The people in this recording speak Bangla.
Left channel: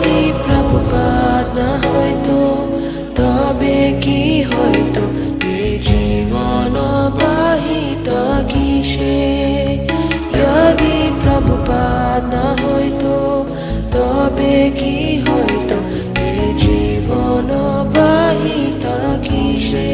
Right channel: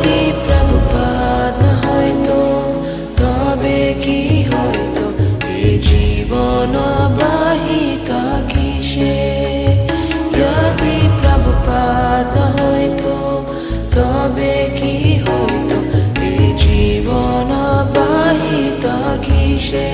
যদি প্রভুপাদ হয়তো তবে কি হয়তো এ জীবন বাহিত কিসে। যদি প্রভুপাদ হয়তো তবে কি হয়তো এ জীবন বাহিত কিসে।